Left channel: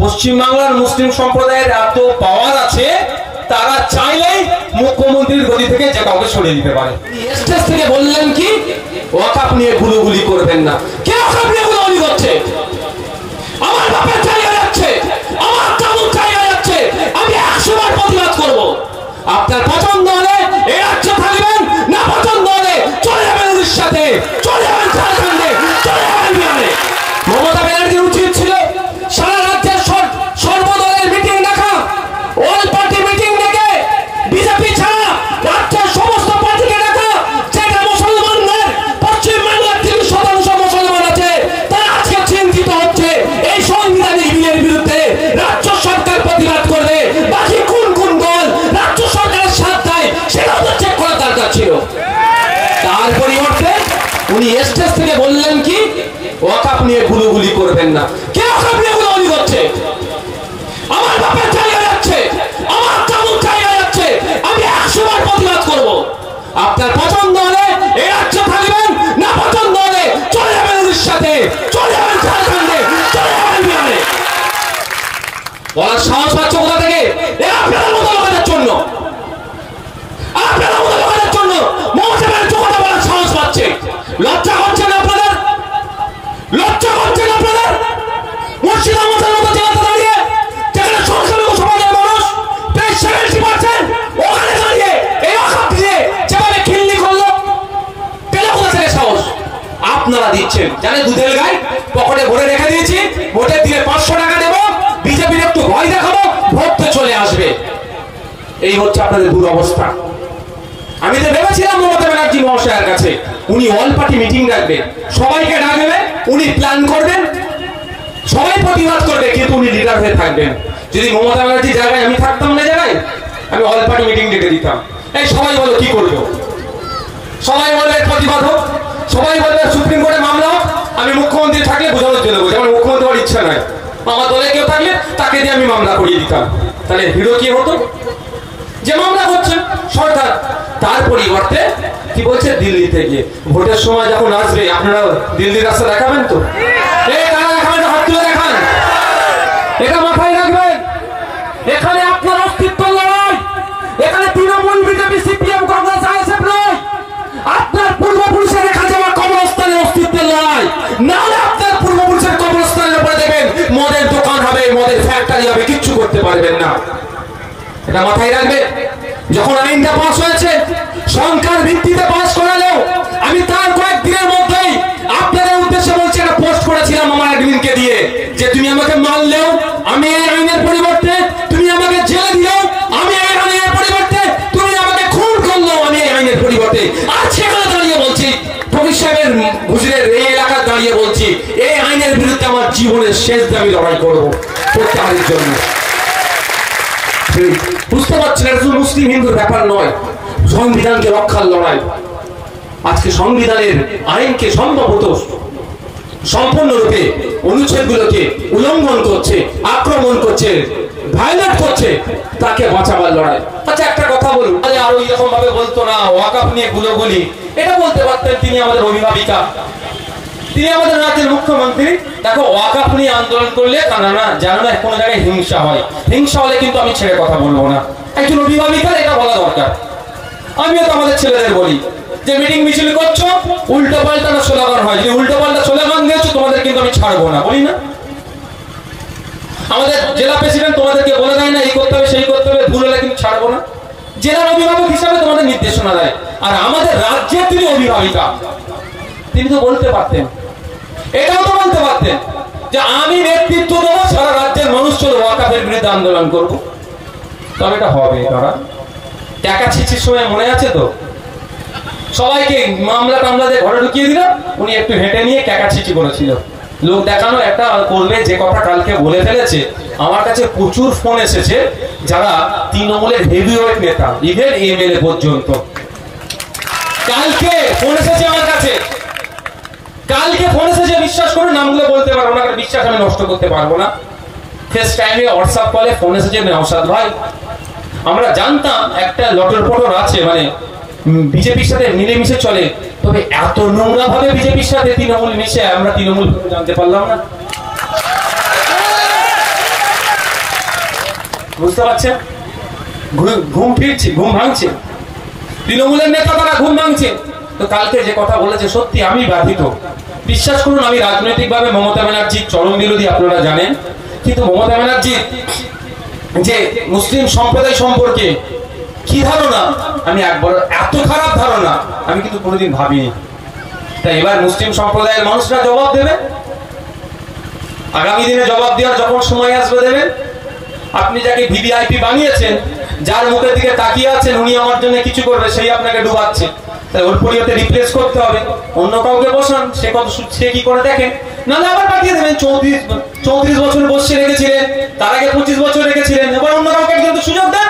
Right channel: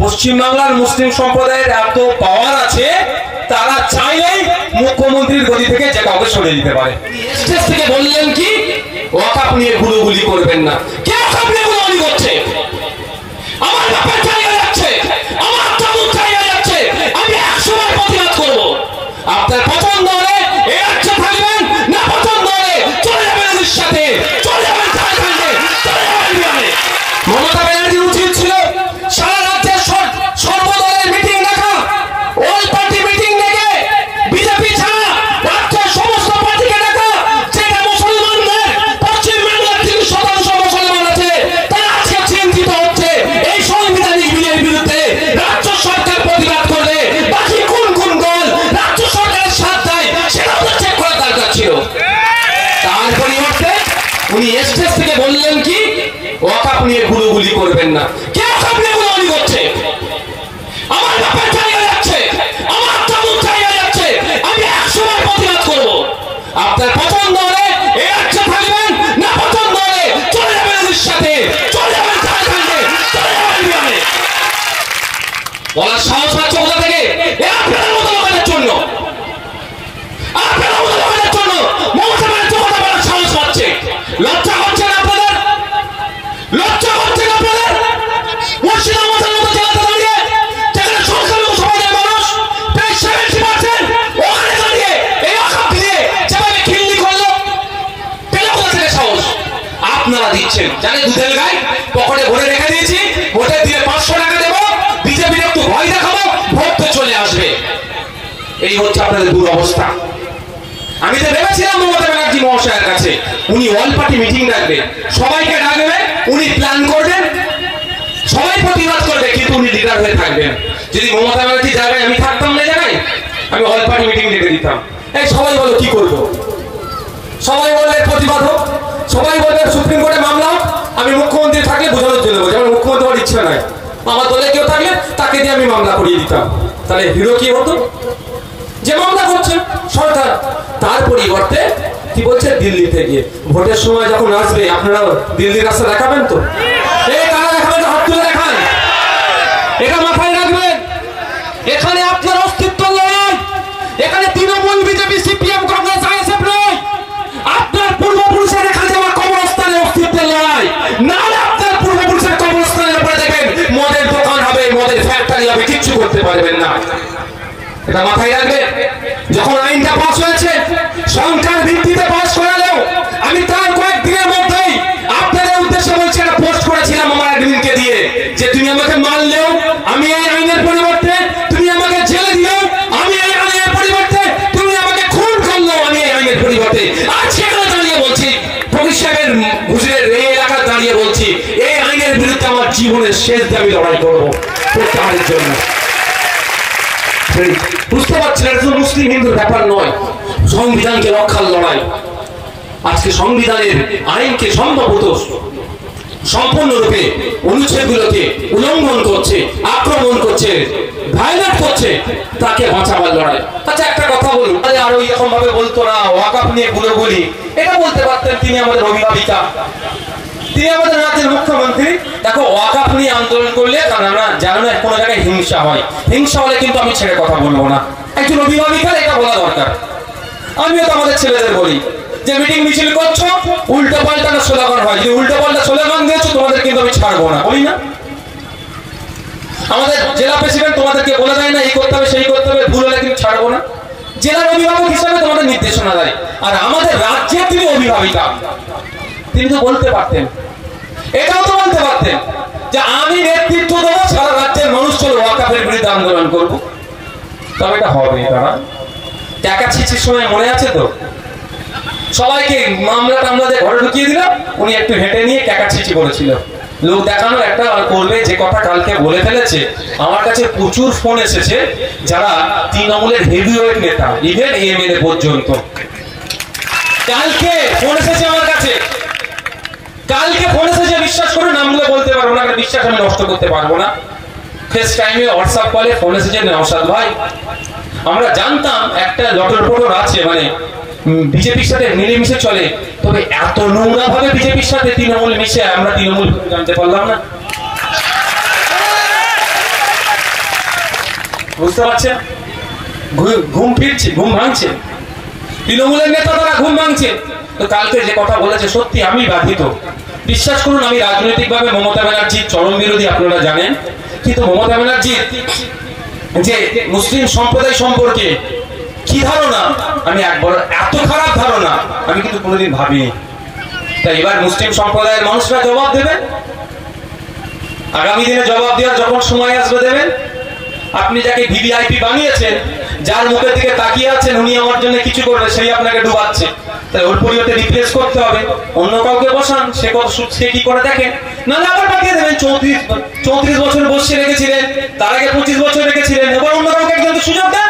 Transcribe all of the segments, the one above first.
পশ্চিমবাংলার মুসলিম সম্প্রদায়ের এত পাওয়ার আছে, তারা চাইলেই মুখ্যমন্ত্রীর গদি থেকে যে কাউকে সরিয়ে দিতে পারে। স্টেজ থেকে বললেন কি ওয়াকফ নিয়ে গুলোগুলি করবেন না। কে ওয়াকফ নিয়ে গুলোগুলি করছে? আমার বাপের জায়গা যাচ্ছে, আমার চামুক জায়গা যাচ্ছে, আমি 100 বার প্রতিবাদ করবো। আপনার পছন্দ হলে এই রাজ্যে থাকবেন, না পছন্দ হলে চলে যাবেন ওদের সাথে, চলে যাবেন ঝাড়খণ্ডে, চলে যাবেন বিহারে। মমতা ব্যানার্জির উচিত ছিল সারা রাজ্যের সর্বদলের মিটিং ডাকা, অল পার্টি মিটিং ডেকে বিজেপি ছাড়া রাজ্যের সমস্ত পার্টিকে ডাকা। যেটা মুসলমানদের পশ্চিমবাংলার 30% মুসলমান আছে, তারা আজকে চিন্তিত হচ্ছে এই সাংবিধানিক বিলের বিরুদ্ধে। রাজ্য সরকার প্রতিবাদ করলে বাকি কোন কোন দল রাজ্য সরকারের সাথ দেয় সেটা তো চেক করা দরকার ছিল। তার পরিবর্তে উনি স্টেজ থেকে বললেন কি ওয়াকফ নিয়ে গুলোগুলি করবেন না। কে ওয়াকফ নিয়ে গুলোগুলি করছে? আমার বাপের জায়গা যাচ্ছে, আমার চামুক জায়গা যাচ্ছে, আমি 100 বার প্রতিবাদ করবো। আপনার পছন্দ হলে এই রাজ্যে থাকবেন, না পছন্দ হলে চলে যাবেন ওদের সাথে, চলে যাবেন ঝাড়খণ্ডে, চলে যাবেন বিহারে। বলার সাহস পাচ্ছে কোথা থেকে? আপনারা মতো লোকের জন্য, আপনারা মতো লোকের জন্য মমতা ব্যানার্জি কথা বলার সাহস পাচ্ছে। লজ্জা হচ্ছে না আপনাদের? লজ্জা হচ্ছে না আপনাদের? মুর্শিদাবাদের মতো জেলাতে দাঁড়িয়ে যেখানে সংখ্যালঘু সমাজের মানুষ প্রায় 70%, ওখানে দাঁড়িয়ে এই ওয়াকফ দিয়ে যেভাবে খিল্লি করলো, পেল কোথা থেকে সাহস? আপনারা দিচ্ছেন। জানে দুধের গায়ে পকেটে ভরে রেখে দিয়েছি, ভোটের দিনে 500 টাকা দেবো, বিজেপির একটু ভয় দেখাবো, ভোট তো চলে আসবে। এই হচ্ছে আপনাদের দুরবস্থা। আমি তো ভেবেছিলাম মমতা ব্যানার্জি মহাশয়ের কাছে উনি অল পার্টি মিটিং ডাকবেন, সবাইকে ডাকবে, উনি প্ল্যান করবেন, সবাই প্রতিবাদ করবে, কিন্তু উনি লিডার হয়ে থাকবেন। যদি মমতা ব্যানার্জির জায়গায় আমি থাকতাম না জায়গায়, আমি অল পার্টি মিটিং ডেকে দিতাম। এই সবাই বলো কি করবো, সবাই বলবে প্রতিবাদ হোক, সবাই বলবে সুপ্রিম কোর্টে মামলা হোক, আমি মুখ্যমন্ত্রী থাকলে বোঝানোর জন্য বলছি আমার মুখ্যমন্ত্রী হওয়ার ইচ্ছা নয়, আমার দলে কেউ থাকলে তাকে দিয়ে আমি মামলা করিয়ে দিতাম। তাহলে হিরো কি হতো? যে মামলা করছেন সরকার। তার পরিবর্তে কি বলছে দিল্লি থেকে ভোটের সময় যখন আসবে আপনারা দিল্লির রাস্তা দেখাবেন তো? এই তারা দেখাবেন, হাত তুলে দেখান, এটা মাথায় রাখবেন। এখানে আপনার অস্তিত্ব নয়, এখানে Trinamool, BJP, CPM, Congress, ISF নয়, আপনার পূর্বপুরুষের রেখা যাওয়া কবরস্থানে অস্তিত্বের লড়াই। না আপনার পূর্বপুরুষের কবরস্থানের উপরে দেখবেন মদের দোকান হবে, মদের ফ্যাক্টরি হবে, কিচ্ছু করতে পারবেন না। এটা মাথায় রাখবেন। যখন আইনটা পাস হয়েছে সংখ্যার ভিত্তিতে পাস করালেও আমি তার কয়েকদিনের মধ্যেই আপনাদের উদ্দেশ্যে বলছি, একটা পোস্ট করেছিলাম আমার অ্যাডমিনকে দিয়ে যে তুমি আমাকে মারলেও আমি এই আইনের পরিবর্তে, তুমি আমাকে জেলে দিলেও আমি এই আইনের পরিবর্তে, তুমি আমাকে খুন করলেও আমি এই আইনের পরিবর্তে। আর সেখানে দাঁড়িয়ে বলছি, ভবিষ্যতের গুজরের এই এলাকা দাঁড়িয়ে বলছি এই আইনের বিরুদ্ধে আমার জীবনের শেষ দিয়ে আমি লড়াই করবো প্রত্যাহারের জন্য। বুঝতে পারছেন এটা শুধু মুসলিম হিন্দুর ব্যাপার নয়, সংবিধানকে রক্ষার লড়াই। আজকে সংবিধানের আইনকে সম্ভবত সম্পূর্ণরূপে অনুচ্ছেদগুলোকে উল্লঙ্ঘন করছে, আক্রমণ করছে, ভায়োলেট করছে, তাকে বাঁচাবার লড়াই। আচ্ছা একটা কথা বলুন, আরো এরকম ভাবে বলতো না ওয়াকফ নিয়ে গুলোগুলি, এটা বলতে পারতেন তিনি আমাদের অভিভাবিকা, তিনি আমাদের রাজ্যের মুখ্যমন্ত্রী। দেখো ওয়াকফ নিয়ে আন্দোলন করলে না জানো না কোনো জায়গায় হিংসা হয়, হিংসা হলে কিন্তু আমি ছেড়ে কথা বলবো না। একজন অভিভাবিকার এটা বলা দরকার। আমিও তো আমাদের ছেলেদের বলি যে মিটিং মিছিল করছো, উল্টো পাল্টা স্লোগান হয়, যে উল্টো পাল্টা স্লোগান দিয়েছো তোমাদের কিন্তু আমি ছাড়বো না, বলি না? আমাদের জেলা প্রেসিডেন্ট তোমাদেরকে বলে দেয় না এই করতে হবে সেই করতে হবে, ভুল হলে কিন্তু ছাড়বো না। জেলার অভিভাবক হিসাবে তোমাদের নির্দেশনা দেয়, আর আমাদের রাজ্যের তিনি অভিভাবিকা, তিনি তো বলতে পারতেন, এটাও তো বলতে পারতেন যে আমি নেতৃত্ব দেবো, সারা রাজ্যের মানুষ চলো ওয়াকফের বিরুদ্ধে আন্দোলন করবো। তবে এটা হবে তারা টাকা ছিচির সময় মনে আছে তো, সবাইকে মামলা টামলা ঘরে ঢুকিয়ে দিলাম, উনি একটু হেঁটে নিয়ে টাকা ছিচি করেছিল। লোক দেখানোর একটা করবে, যে কথা কালকে বলে ফেলেছে। আমার কাছে প্রচুর ফোন এসেছে যারা তৃণমূলের হেভিওয়েট নেতা, ইভেন এমএলএ পর্যন্ত, কালকে ফোন এসেছে আমার কাছে, কালকে ফোন এসেছে, বিশ্বাস করে নামগুলো বলতে পারবো না, বিশ্বাস আমি নষ্ট করতে পারবো না। ফেস টাইমে হোয়াটসঅ্যাপ কলে ফোন এসেছে, নওশাদ ভাই আমরা জানতাম একটা লটর পটর আছে, মানে বিজেপির সাথে মিলেমিশে চলে, তবে এত নোংরা ভাবে বিজেপির সাথে তৃণমূল মিশে আমরা তৃণমূল জানতে পারলাম না। বুঝতে পারছেন? ঘুম ফিরছে, ঘুম ভাঙছে, তৃণমূলের নেতা তারা ঘুম ভাঙছে। তো কালকে যে কথা বলেছে সত্যি আমি বাধিত। বিশ্বাস করুন, আমি রাজনৈতিকভাবে মমতা ব্যানার্জির চরম বিরোধী, আপনারা জানেন, কিন্তু মমতা ব্যানার্জির যে মুসলিম সম্প্রদায় সম্পর্কে কি ধারণা, আমি একবার এত খারাপ ধারণা আমি কিন্তু কোনোদিন ভাবিনি। তাই এবার মুসলিম সম্প্রদায়ের মানুষরা জবাব দেবেন, আগামী দিনে জবাব দেওয়ার যখন সময় আসবে দেবেন। আপনি যাকে ভিভিআইপি বানিয়েছেন, যার মুখের দিকে তাকিয়ে আছেন উনি আমার জন্য কিছু করবে, সেই আপনাকে ডুবাচ্ছে। তাই ওর পরিবর্তে রিপ্লেস করতে হবে, অন্য কাউকে বসান, সে কি করে দেখেন, নাহলে আবার পাঠিয়ে দেবেন। 34 বছর বসে রেখেছিলেন, তার আগে 25 বছর রেখেছিলেন, এবার অন্য কাউকে একজন সুযোগ দেন,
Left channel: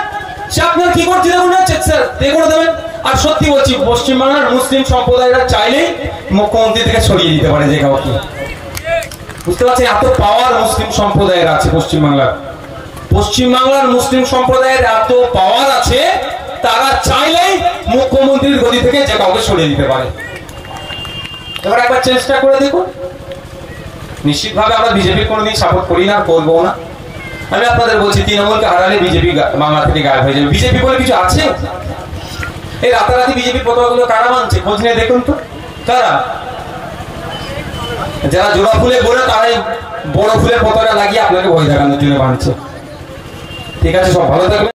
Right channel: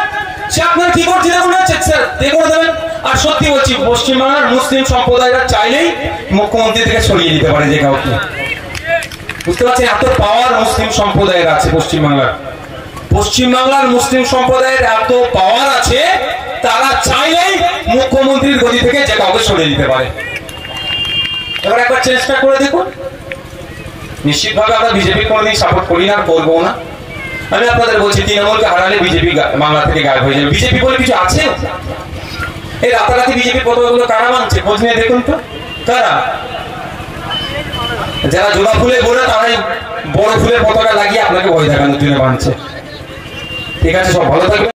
সে আপনার কি করছে দেখুন, স্যার করে দেবেন। আর সত্যি বলছি, পশ্চিমবাংলার মুসলিম সম্প্রদায়রা চাইলেই মুখ্যমন্ত্রী থেকে সরিয়ে দিতে পারে যে কাউকে। বুঝতে পারছেন? এত পাওয়ার মুসলিম সম্প্রদায়ের আছে পশ্চিমবাংলার। পশ্চিমবাংলার মুসলিম সম্প্রদায়ের এত পাওয়ার আছে, তারা চাইলেই মুখ্যমন্ত্রীর গদি থেকে যে কাউকে সরিয়ে দিতে পারে। এবার একবার চেষ্টা করে দেখুন। নিশ্চিতভাবে আমরা বিজেপি কোনোদিন সাপোর্ট করি না, করবো না। আমি আপনাদের বলছি, তৃণমূলকে হারালে বিজেপি বাংলা থেকে গায়েব হয়ে যাবে। বিজেপি বলে কিছু আছে? এই রাতারাতি বিজেপির পতাকাগুলো কারা মানছে খোঁজ নিয়ে দেখুন তো, কারা? যারা জোড়া ফুলে ঘোরে তারাই বড় ফুলের পতাকা লাগিয়ে আপনাকে ভয় দেখানোর জন্য বানছে। ঠিক আছে, সব ভালো থাকবে।